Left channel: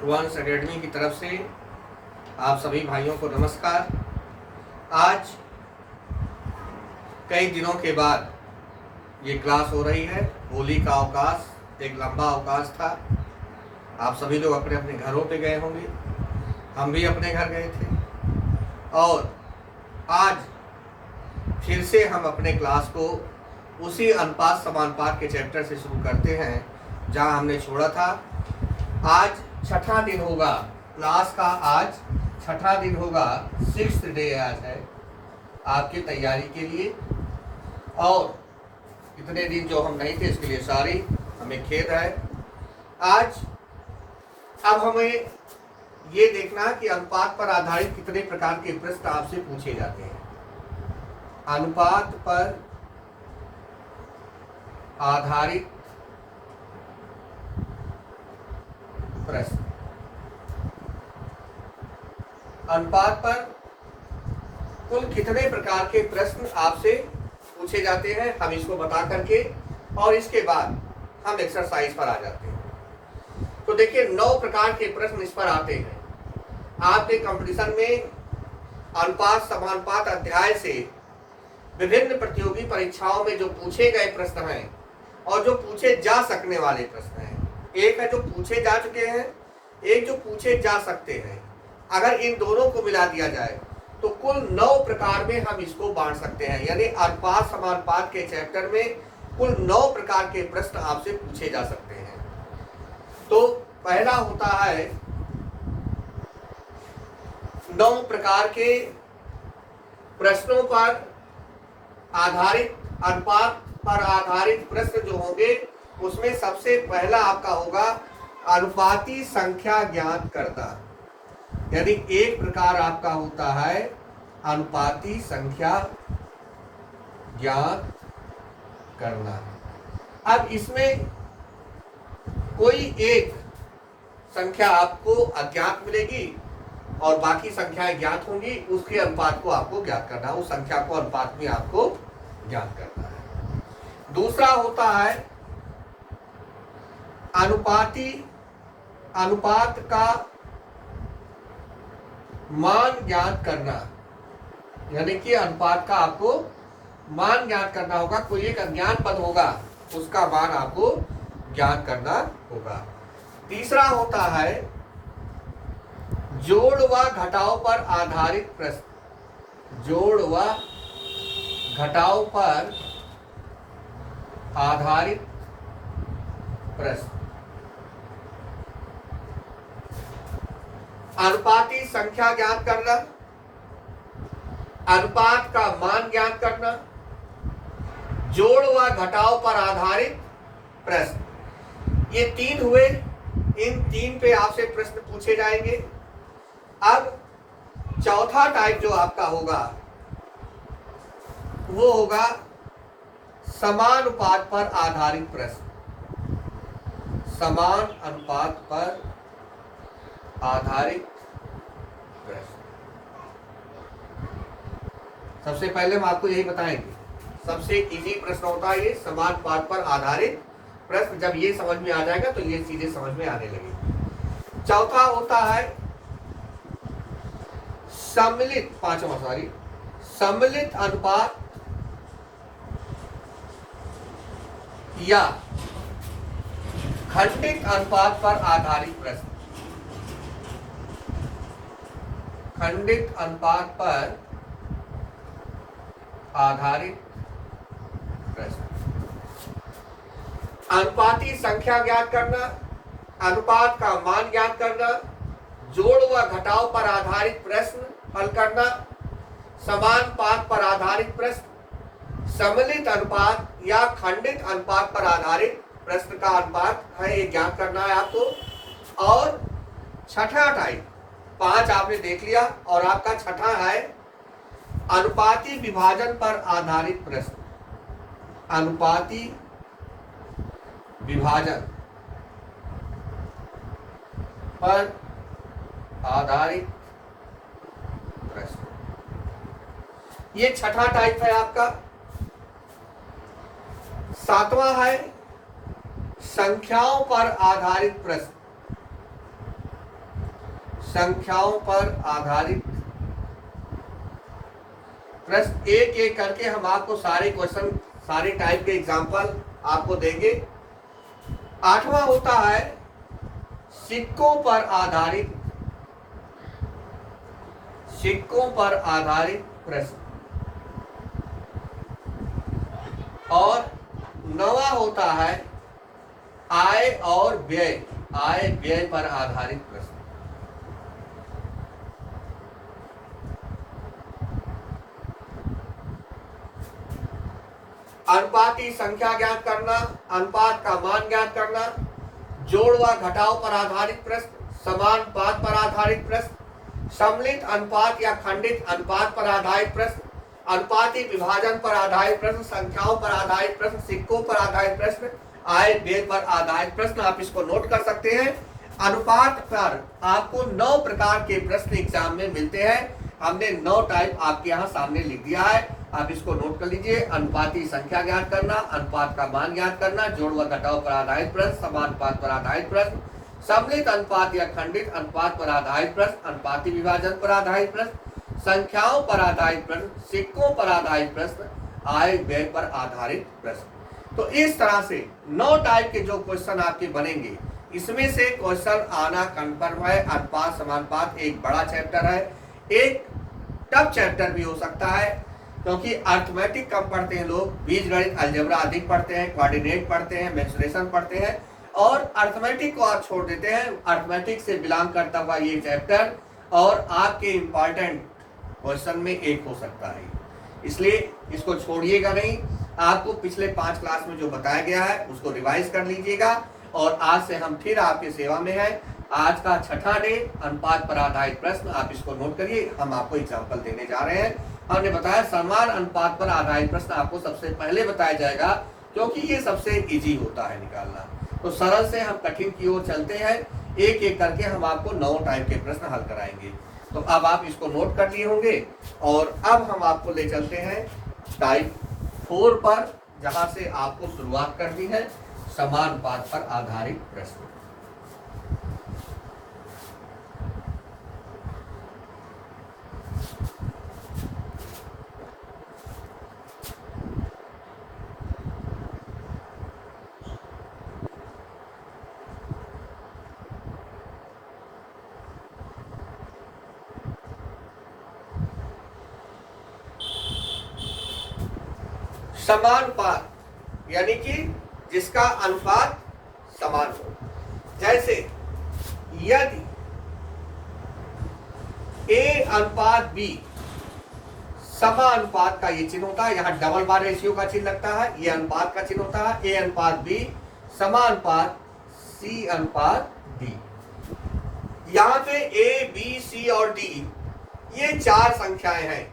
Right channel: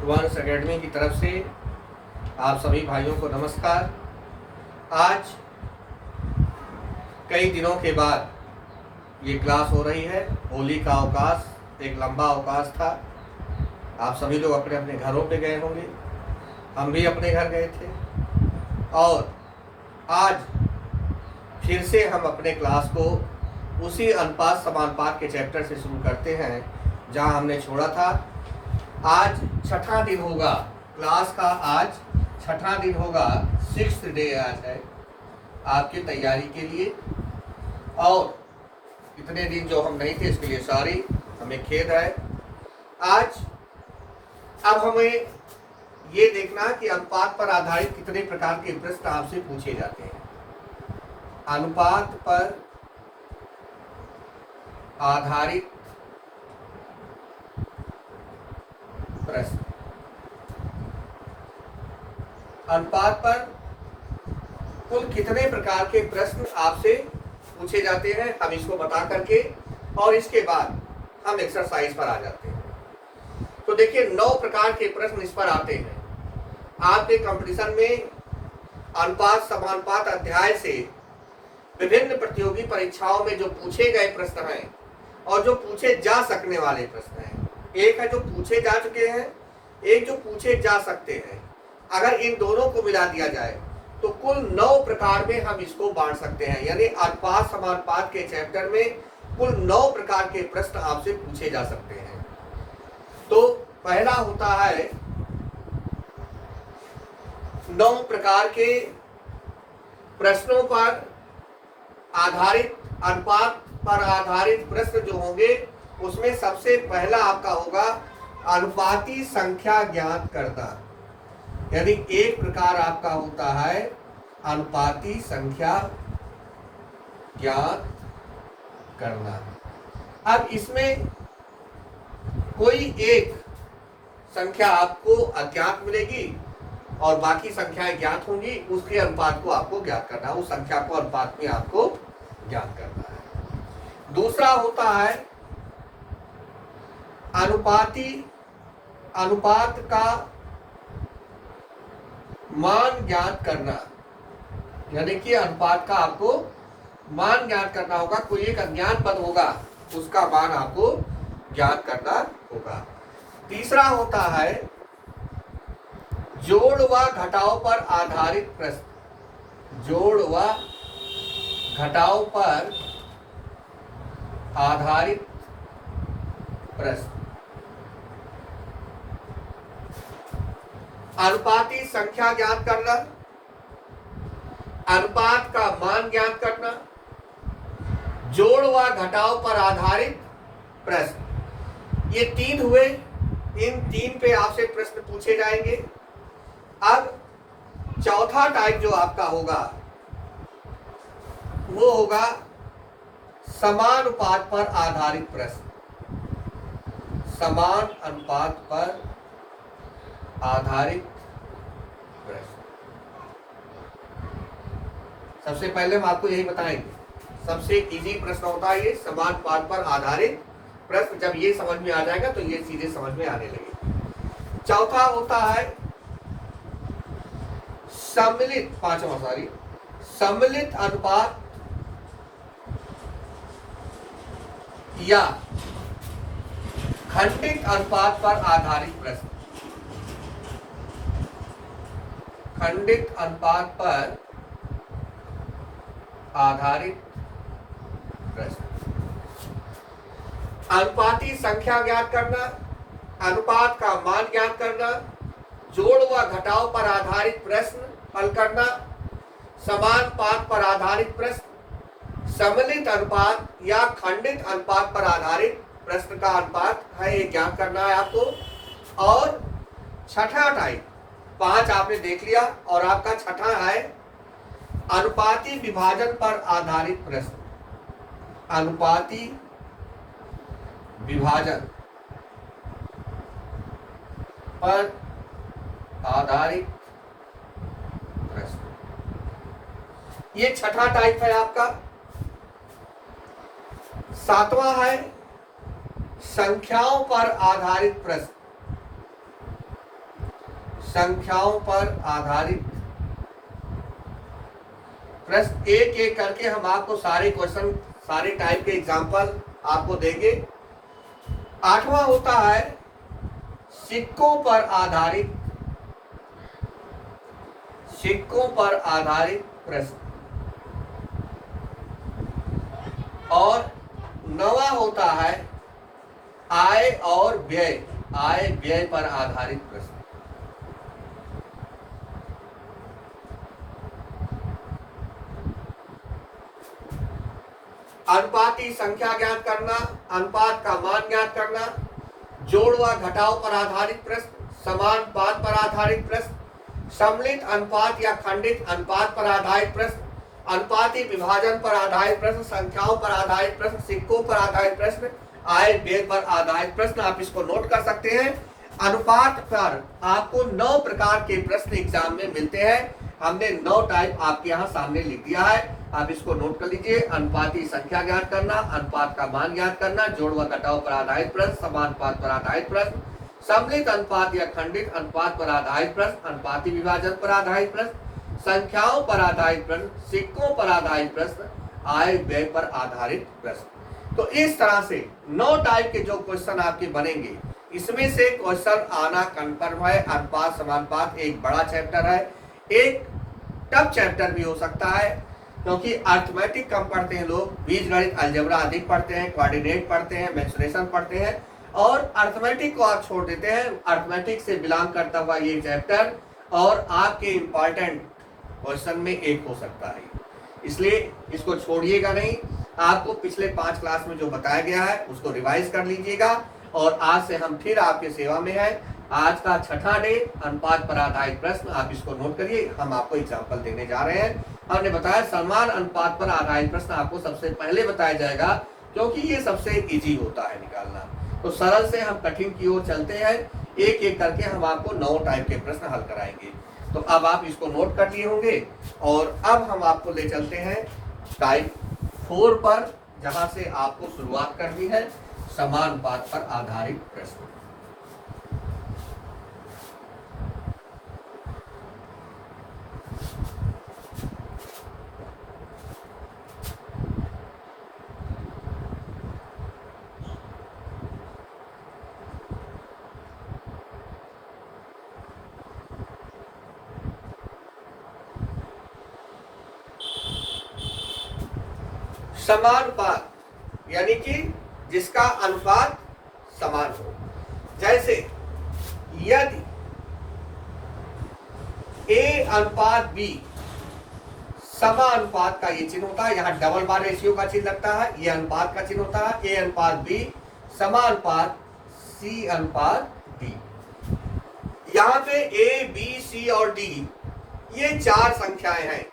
वंश एकेडमी की तरफ से आप सभी भाइयों को नमस्कार। आज कई दिनों के बाद ये क्लास हो रही है। होली का अवकाश, एक लंबा अवकाश था। आप सभी लोग अपने अपने घरों पे गए होंगे, हम भी अपने घर गए थे और आज फिर से हम अपने क्लास को उसी अनुपात समानुपात के चैप्टर से शुरू करते हैं जहां हमने छोड़ा था। आज छठा दिन होगा क्लास का, आज छठा दिन होगा, 6th डे आज है आपकी तैयारी के लिए। और इतने दिन जो हम नहीं थे इसके लिए सॉरी, हमें खेद है। आज अब हमें ये देखना कि अनुपात पर आधारित कितने प्रकार के प्रश्न आपसे पूछे जाते हैं। अनुपात पर आधारित प्रश्न, अनुपात पर कुल कितने प्रकार के प्रश्न आपसे पूछे जाते हैं, हम इसको बता करके और इसके बाद हम एक्सरसाइज पर आ जाते हैं। तो देखिए 9 प्रकार के प्रश्न इस पर आते हैं। आपके कंपटीशन में अनुपात समानुपात अध्याय से विभिन्न प्रतियोगी परीक्षाओं में जो पूछे गए प्रश्न हैं और जो पूछे जा सकने वाले प्रश्न हैं, एक है जो पूछे जा चुके हैं, एक जो पूछे जा सकते हैं। अगर इन दोनों को मिला दिया जाए तो कुल 9 प्रकार में हम इसको बांट सकते हैं। यानी अनुपात समानुपात के चैप्टर में कुल 9 प्रकार के प्रश्न आपसे पूछे जा सकते हैं। तो पहला होता है 9 प्रकार के प्रश्नों पर आधारित, अनुपात पर आधारित प्रश्न जो होंगे उसमें सबसे पहला आपका होगा अनुपाती संख्या ज्ञात करना। यानी एक प्रकार आपका होता है अनुपाती संख्या ज्ञात करना। अब इसमें कोई एक संख्या आपको अज्ञात मिलेगी और बाकी संख्याएं ज्ञात होंगी, उसके अनुपात को आपको ज्ञात करना है, उस संख्या को अनुपात में आपको ज्ञात करना है। दूसरा होता है अनुपात का मान ज्ञात करना। यानी कि अनुपात का आपको मान ज्ञात करना होगा। कोई एक अज्ञात पद होगा, उसका मान आपको ज्ञात करना होगा। तीसरा होता है जोड़ व घटाव पर आधारित प्रश्न। जोड़ व घटाव पर आधारित प्रश्न। अनुपाती संख्या ज्ञात करना, अनुपात का मान ज्ञात करना, जोड़ व घटाव पर आधारित प्रश्न, ये 3 हुए। इन 3 पे आपसे प्रश्न पूछे जाएंगे। अब चौथा टाइप जो आपका होगा वो होगा समानुपात पर आधारित प्रश्न। समान अनुपात पर आधारित प्रश्न। सबसे पहले हम आपको यही बताएंगे, सबसे इजी प्रश्न होता है ये समान अनुपात पर आधारित प्रश्न। जब ये समझ में आ जाएगा तो ये सीधे समझ में आने लगे। चौथा होता है सम्मिलित अनुपात या खंडित अनुपात पर आधारित प्रश्न। खंडित अनुपात पर आधारित प्रश्न। अनुपाती संख्या ज्ञात करना, अनुपात का मान ज्ञात करना, जोड़ व घटाव पर आधारित प्रश्न हल करना, समान अनुपात पर आधारित प्रश्न, सम्मिलित अनुपात या खंडित अनुपात पर आधारित प्रश्न का अनुपात है ये ज्ञात करना है आपको। और छठा टाइप, 5 आपने देख लिया और आपका छठा है अनुपाती विभाजन पर आधारित प्रश्न। अनुपाती विभाजन पर आधारित प्रश्न, ये छठा टाइप है आपका। 7वां है संख्याओं पर आधारित प्रश्न। संख्याओं पर आधारित प्रश्न। एक एक करके हम आपको सारे क्वेश्चन, सारे टाइप के एग्जाम्पल आपको देंगे। 8वां होता है सिक्कों पर आधारित, सिक्कों पर आधारित प्रश्न। और 9वां होता है आय और व्यय, आय व्यय पर आधारित प्रश्न। अनुपाती संख्या ज्ञात करना, अनुपात का मान ज्ञात करना, जोड़ व घटाव पर आधारित प्रश्न, समानुपात पर आधारित प्रश्न, सम्मिलित अनुपात या खंडित अनुपात पर आधारित प्रश्न, अनुपाती विभाजन पर आधारित प्रश्न, संख्याओं पर आधारित प्रश्न, सिक्कों पर आधारित प्रश्न, आय व्यय पर आधारित प्रश्न। आप इसको नोट कर सकते हैं। अनुपात पर आपको 9 प्रकार के प्रश्न एग्जाम में मिलते हैं। हमने 9 टाइप आपके यहाँ सामने लिख दिया है, आप इसको नोट कर लीजिए। अनुपाती संख्या ज्ञात करना, अनुपात का मान ज्ञात करना, जोड़ व घटाव पर आधारित प्रश्न, समानुपात पर आधारित प्रश्न, सम्मिलित अनुपात या खंडित अनुपात पर आधारित प्रश्न, अनुपाती विभाजन पर आधारित प्रश्न, संख्याओं पर आधारित प्रश्न, सिक्कों पर आधारित प्रश्न, आय व्यय पर आधारित प्रश्न। तो इस तरह से 9 टाइप के जो क्वेश्चन आपके बनेंगे, इसमें से क्वेश्चन आना कन्फर्म है। अनुपात समानुपात एक बड़ा चैप्टर है, एक टफ चैप्टर भी हो सकता है, क्योंकि अर्थमेटिक कम पढ़ते हैं लोग, बीजगणित अलजेब्रा अधिक पढ़ते हैं, कोऑर्डिनेट पढ़ते हैं, मेंसुरेशन पढ़ते हैं, और अर्थमेटिक को आप छोड़ देते हैं। अर्थमेटिक से बिलोंग करता हुआ ये चैप्टर और आपके इंपॉर्टेंट क्वेश्चन में एक हो सकता है, इसलिए इसको छोड़िएगा नहीं। आपको पिछले 5 क्लास में जो बताया गया है उसको रिवाइज कर लीजिएगा। और आज से हम फिर आपके सेवा में हैं। आज का 6ठा डे, अनुपात पर आधारित प्रश्न, आप इसको नोट करिए। हम आपको एग्जाम्पल देने जा रहे हैं। हमने बताया समान अनुपात पर आधारित प्रश्न आपको सबसे पहले बताया जाएगा, क्योंकि ये सबसे इजी होता है निकालना। तो सरल से हम कठिन की ओर चलते हैं, एक एक करके हम आपको 9 टाइप के प्रश्न हल कराएंगे। तो अब आप इसको नोट कर लिए होंगे, और अब हम आपको ले चलते हैं टाइप 4 पर, जहां से आपको शुरुआत करनी है समानुपात पर आधारित प्रश्न। समानुपात यानी कि जिसका अनुपात समान हो। जैसे यदि A अनुपात B समानुपात का ये चिन्ह होता है, यहाँ डबल बार रेशियो का चिन्ह लगता है, ये अनुपात का चिन्ह होता है। A अनुपात B समानुपात C अनुपात D। यहाँ पे A, B, C और D ये 4 संख्याएं हैं,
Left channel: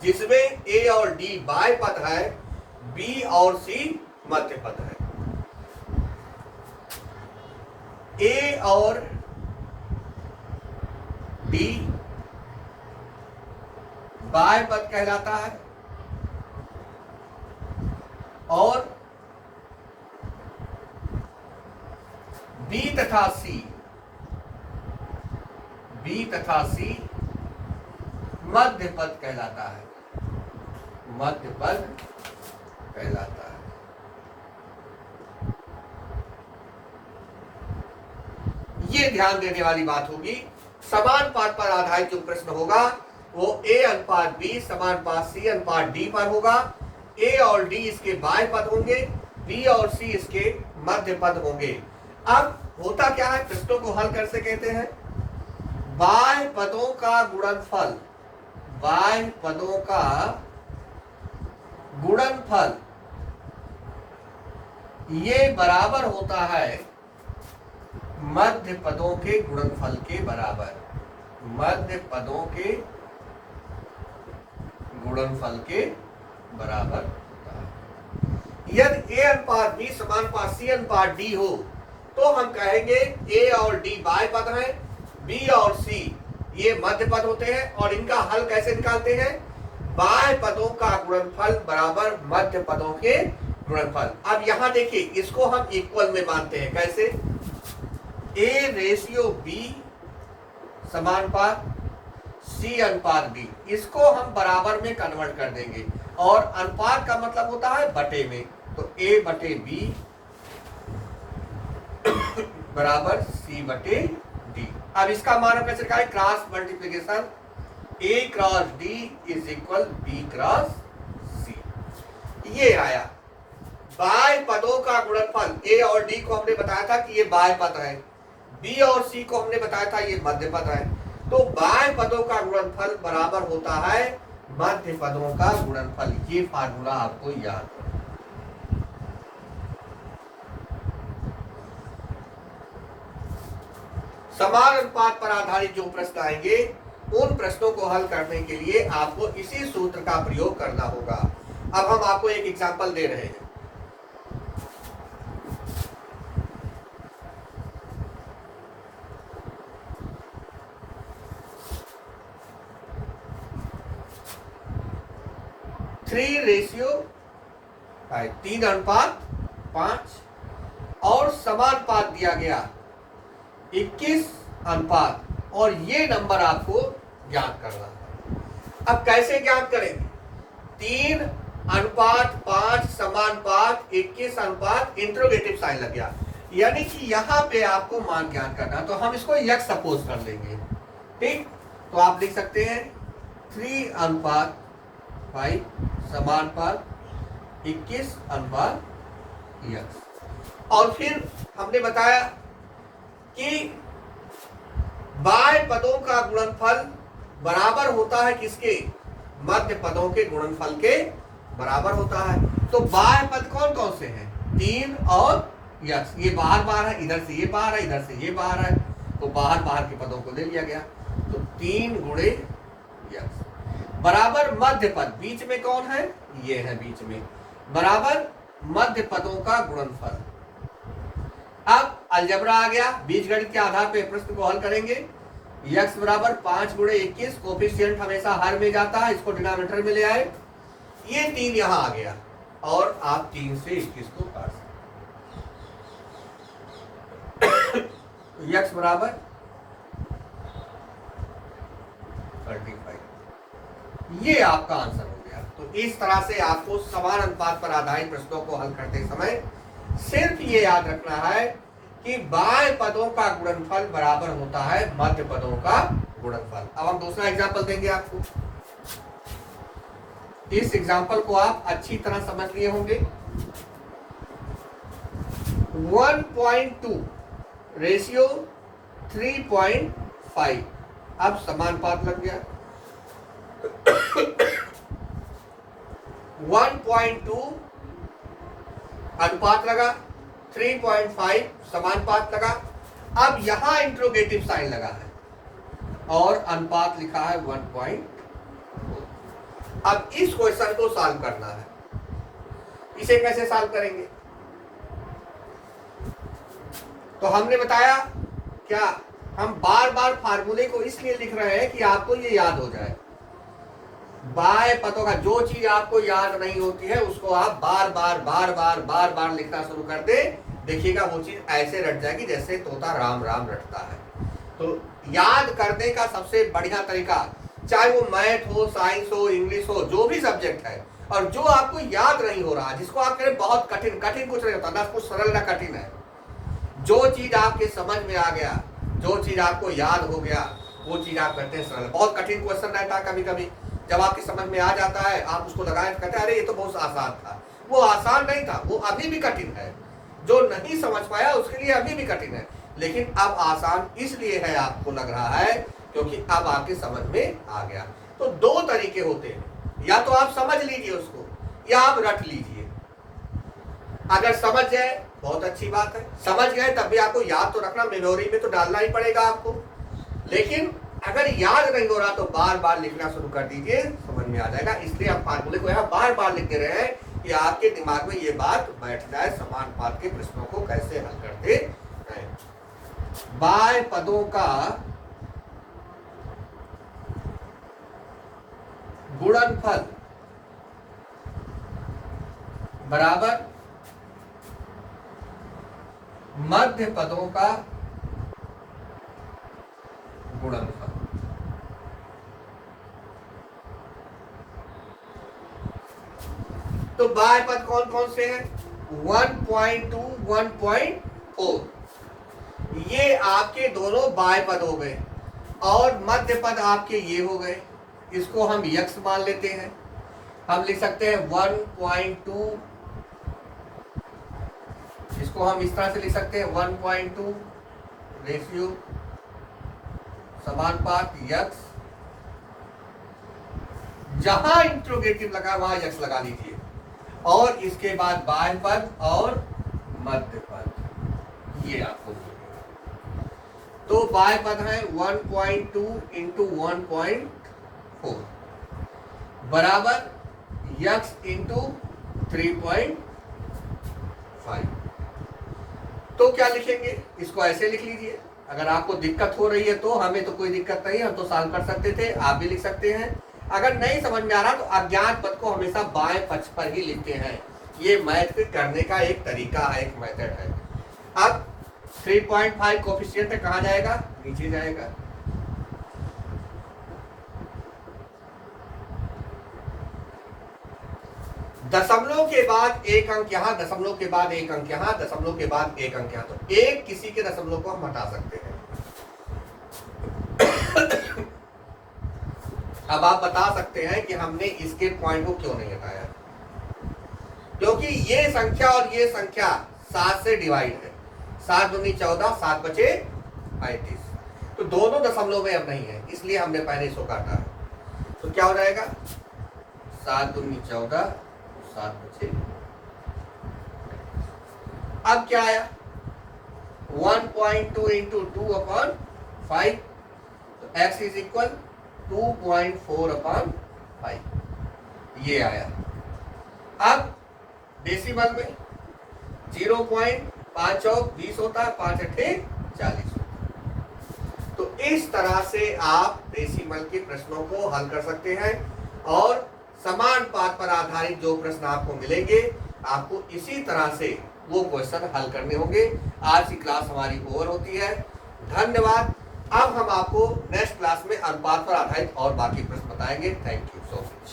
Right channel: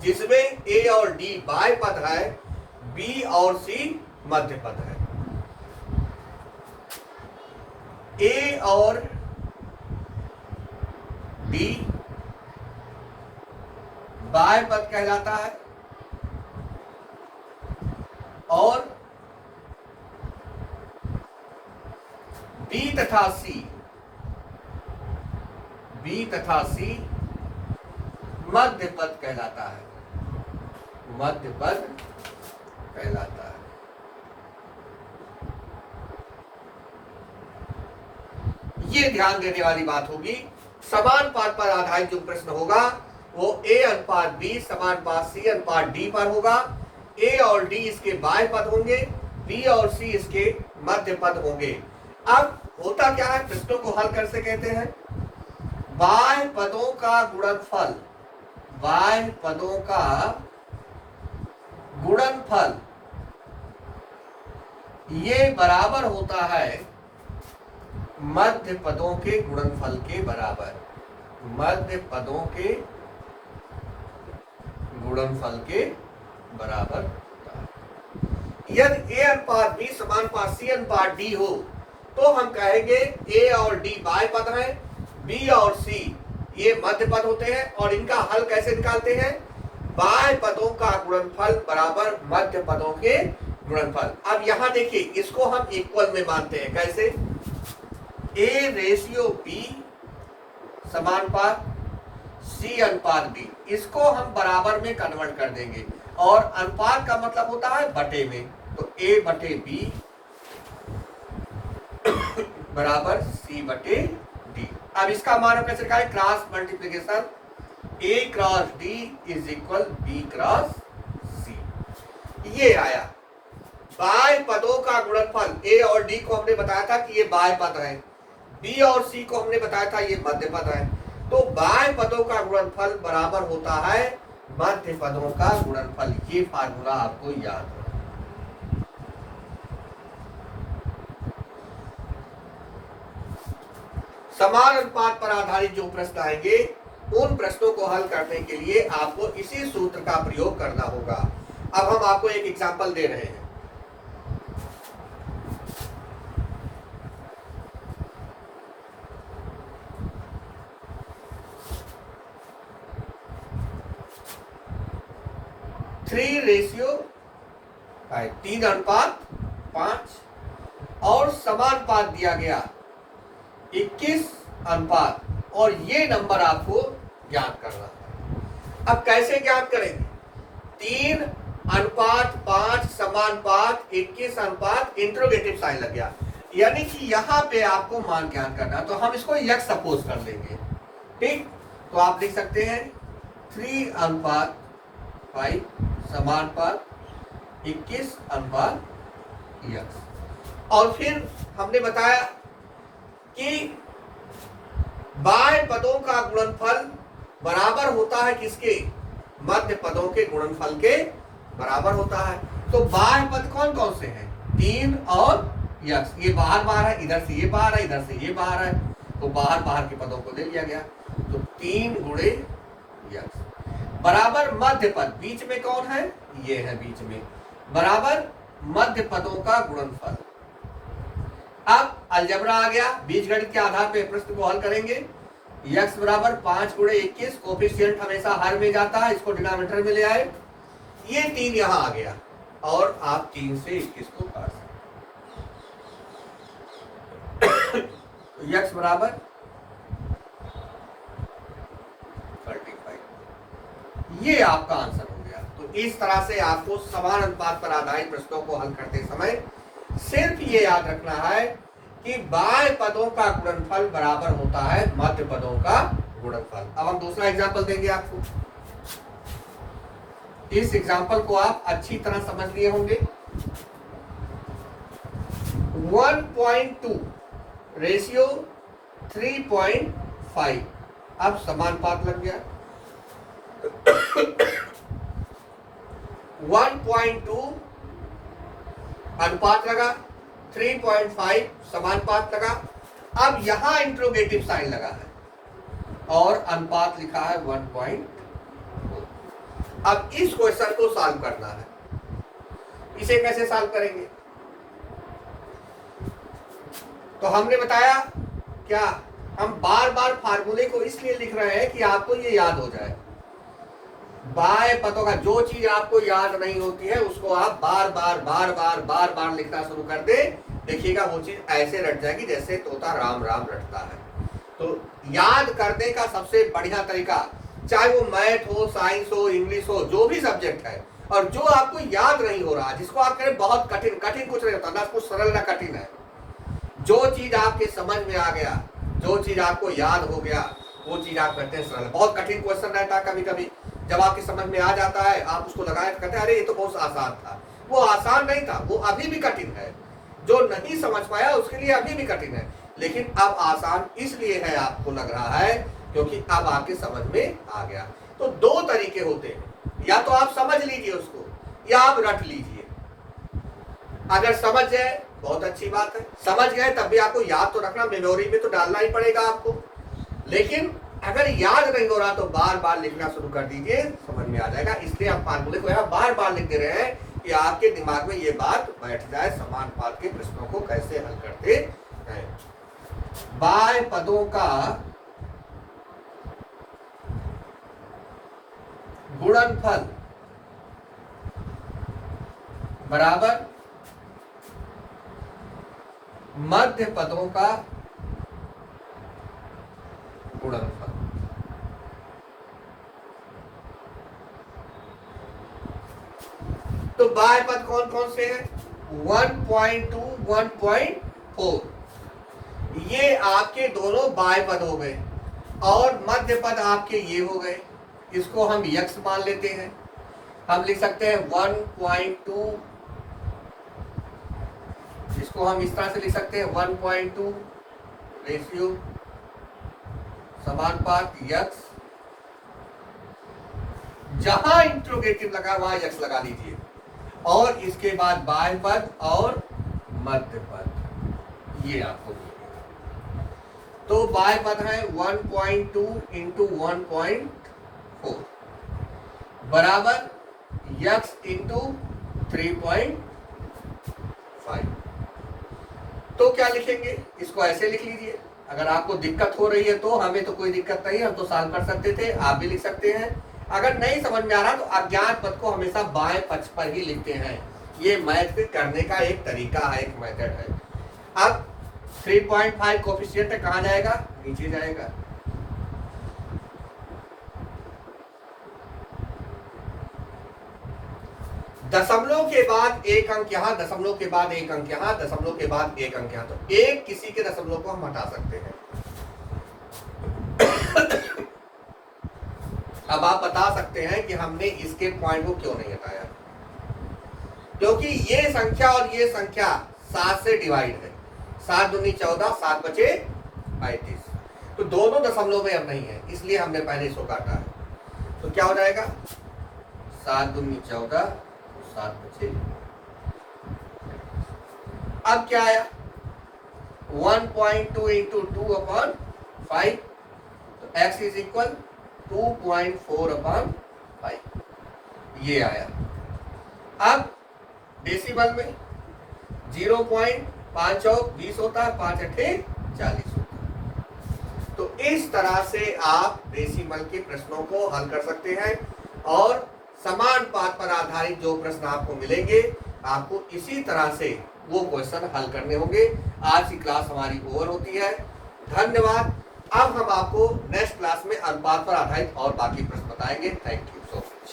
जिसमें A और D बाह्य पद है, B और C मध्य पद है। A और D बाह्य पद कहलाता है, और B तथा C मध्य पद कहलाता है, मध्य पद कहलाता है। ये ध्यान देने वाली बात होगी। समानुपात पर आधारित जो प्रश्न होगा वो A अनुपात B समानुपात C अनुपात D पर होगा। A और D इसके बाह्य पद होंगे, B और C इसके मध्य पद होंगे। अब होता क्या है, प्रश्नों को हल कैसे कहते हैं? बाह्य पदों का गुणनफल, बाह्य पदों का गुणनफल ये बराबर होता है मध्य पदों के गुणनफल के बराबर, मध्य पदों के गुणनफल के बराबर होता है। यदि A अनुपात B समानुपात C अनुपात D हो तो हम कहेंगे A और D बाह्य पद हैं, B और C ये मध्य पद होते हैं, और इनका हल कैसे निकालते हैं? बाह्य पदों का गुणनफल बराबर मध्य पदों के गुणनफल। अब यहां देखिए, इसको हम इक्वल में मानते हैं। कैसे? A रेशियो B समानुपात C अनुपात B, इसको हम बराबर में कन्वर्ट कर देंगे और अनुपात का मतलब होता है बटे में, तो A बटे B बराबर C बटे D। अब इसका मान कैसे निकालें? Cross multiplication A cross D is equal B cross C। ये आया बाह्य पदों का गुणनफल। A और D को हमने बताया था कि ये बाह्य पद है, B और C को हमने बताया था ये मध्य पद है। तो बाह्य पदों का गुणनफल बराबर होता है मध्य पदों का गुणनफल। ये फार्मूला आपको याद है। समान अनुपात पर आधारित जो प्रश्न आएंगे उन प्रश्नों को हल करने के लिए आपको इसी सूत्र का प्रयोग करना होगा। अब हम आपको एक एग्जांपल दे रहे हैं। थ्री रेशियो 3 अनुपात 5 और समानुपात दिया गया 21 अनुपात, और ये नंबर आपको ज्ञात करना है। अब कैसे ज्ञात करेंगे? 3 अनुपात 5 समानुपात 21 अनुपात इंट्रोगेटिव साइन लग गया, यानी कि यहां पे आपको मान ज्ञात करना है। तो हम इसको यक्स सपोज कर लेंगे, ठीक। तो आप लिख सकते हैं 3 अनुपात 5 समानुपात 21 अनुपात यक्स। और फिर हमने बताया कि बाह्य पदों का गुणनफल बराबर होता है किसके? मध्य पदों के गुणनफल के बराबर होता है। तो बाह्य पद कौन कौन से हैं? 3 और यक्स। ये बाहर बाहर है, इधर से ये बाहर है, इधर से ये बाहर है, तो बाहर बाहर के पदों को ले लिया गया। तो 3 गुणे यक्स बराबर मध्य पद, बीच में कौन है? ये है बीच में, बराबर मध्य पदों का गुणनफल। अब अलजबरा आ गया, बीजगणित के आधार पर प्रश्न को हल करेंगे। यक्स बराबर 5 गुणे 21, कोफिशिएंट हमेशा हर में जाता है, इसको डिनोमिनेटर में ले आए। ये 3 यहां आ गया और आप 3 से 21 को काट सकते। यक्स बराबर 35, ये आपका आंसर हो गया। तो इस तरह से आपको समान अनुपात पर आधारित प्रश्नों को हल करते समय सिर्फ ये याद रखना है कि बाह्य पदों का गुणनफल बराबर होता है मध्य पदों का गुणनफल। अब हम दूसरा एग्जांपल देंगे आपको। इस एग्जांपल को आप अच्छी तरह समझ लिए होंगे। 1.2 रेशियो 3.5, अब समानुपात लग गया। 1.2 अनुपात लगा, 3.5 समानुपात लगा। अब यहां इंट्रोगेटिव साइन लगा है और अनुपात लिखा है 1.2। अब इस क्वेश्चन को सॉल्व करना है। इसे कैसे सॉल्व करेंगे? तो हमने बताया क्या, हम बार बार फार्मूले को इसलिए लिख रहे हैं कि आपको ये याद हो जाए। बाह्य पदों का जो चीज आपको याद नहीं होती है उसको आप बार बार लिखना शुरू कर दे, देखिएगा वो चीज ऐसे रट जाएगी जैसे तोता राम राम रटता है। तो याद करने का सबसे बढ़िया तरीका, चाहे वो मैथ हो, साइंस हो, इंग्लिश हो, जो भी सब्जेक्ट है, और जो आपको याद नहीं हो रहा, जिसको आप करें बहुत कठिन, कठिन कुछ नहीं होता ना, कुछ सरल ना कठिन है। जो चीज आपके समझ में आ गया, जो चीज आपको याद हो गया, वो चीज आप करते हैं सरल। बहुत कठिन क्वेश्चन रहता है कभी कभी, जब आपकी समझ में आ जाता है आप उसको लगाए कहते हैं अरे ये तो बहुत आसान था। वो आसान नहीं था, वो अभी भी कठिन है। जो नहीं समझ पाया उसके लिए अभी भी कठिन है, लेकिन अब आसान इसलिए है आपको लग रहा है क्योंकि अब आपके समझ में आ गया। तो 2 तरीके होते हैं, या तो आप समझ लीजिए उसको या आप रट लीजिए। अगर समझ जाए बहुत अच्छी बात है, समझ गए तब भी आपको याद तो रखना, मेमोरी में तो डालना ही पड़ेगा आपको। लेकिन अगर याद नहीं हो रहा तो बार बार लिखना शुरू कर दीजिए, समझ में आ जाएगा। इसलिए हम फार्मूले को यहाँ बार बार लिखते रहे हैं कि आपके दिमाग में ये बात बैठ जाए, समानुपात के प्रश्नों को कैसे हल करते हैं। बाह्य पदों का गुणनफल बराबर मध्य पदों का गुणनफल। तो बाह्य पद कौन कौन से हैं? 1.2, 1.4, ये आपके दोनों बाह्य पद हो गए और मध्य पद आपके ये हो गए। इसको हम यक्स मान लेते हैं। हम लिख सकते हैं 1.2, इसको हम इस तरह से लिख सकते हैं 1.2 रेशियो समानुपात यक्स, जहां इंट्रोगेटिव लगा वहां यक्स लगा लीजिए, और इसके बाद बाह्य पद और मध्य पद ये आपको मिलेगा। तो बाह्य पद है 1.2 इंटू 1.4 बराबर यक्स इंटू 3.5। तो क्या लिखेंगे? इसको ऐसे लिख लीजिए। अगर आपको दिक्कत हो रही है तो हमें तो कोई दिक्कत नहीं, हम तो सॉल्व कर सकते थे, आप भी लिख सकते हैं। अगर नहीं समझ में आ रहा तो अज्ञात पद को हमेशा बाएं पक्ष पर ही लिखते हैं। ये मैथ करने का एक तरीका है, एक मेथड है। अब 3.5 कोफिशिएंट कहाँ जाएगा? नीचे जाएगा। दशमलव के बाद एक अंक यहाँ, दशमलव के बाद एक अंक यहाँ, दशमलव के बाद एक अंक यहाँ, तो एक किसी के दशमलव को हम हटा सकते हैं। अब आप बता सकते हैं कि हमने इसके पॉइंट को क्यों नहीं हटाया, क्योंकि ये संख्या और ये संख्या 7 से डिवाइड है। 7 दूनी 14, 7 बचे 35, तो दोनों दशमलव में अब नहीं है, इसलिए हमने पहले इसको काटा है। तो क्या हो जाएगा? 7 दूनी 14, 7 बचे। अब क्या आया? 1.2 इंटू 2/5, तो x इज इक्वल 2.4/5 ये आया। अब डेसिमल में 0.5 और 20 होता है, 5 अट्ठे 40 होता है। तो इस तरह से आप डेसिमल के प्रश्नों को हल कर सकते हैं, और समानुपात पर आधारित जो प्रश्न आपको मिलेंगे आपको इसी तरह से वो क्वेश्चन हल करने होंगे। आज की क्लास हमारी ओवर होती है। धन्यवाद। अब हम आपको नेक्स्ट क्लास में अनुपात पर आधारित और बाकी प्रश्न बताएंगे। Thank you so much.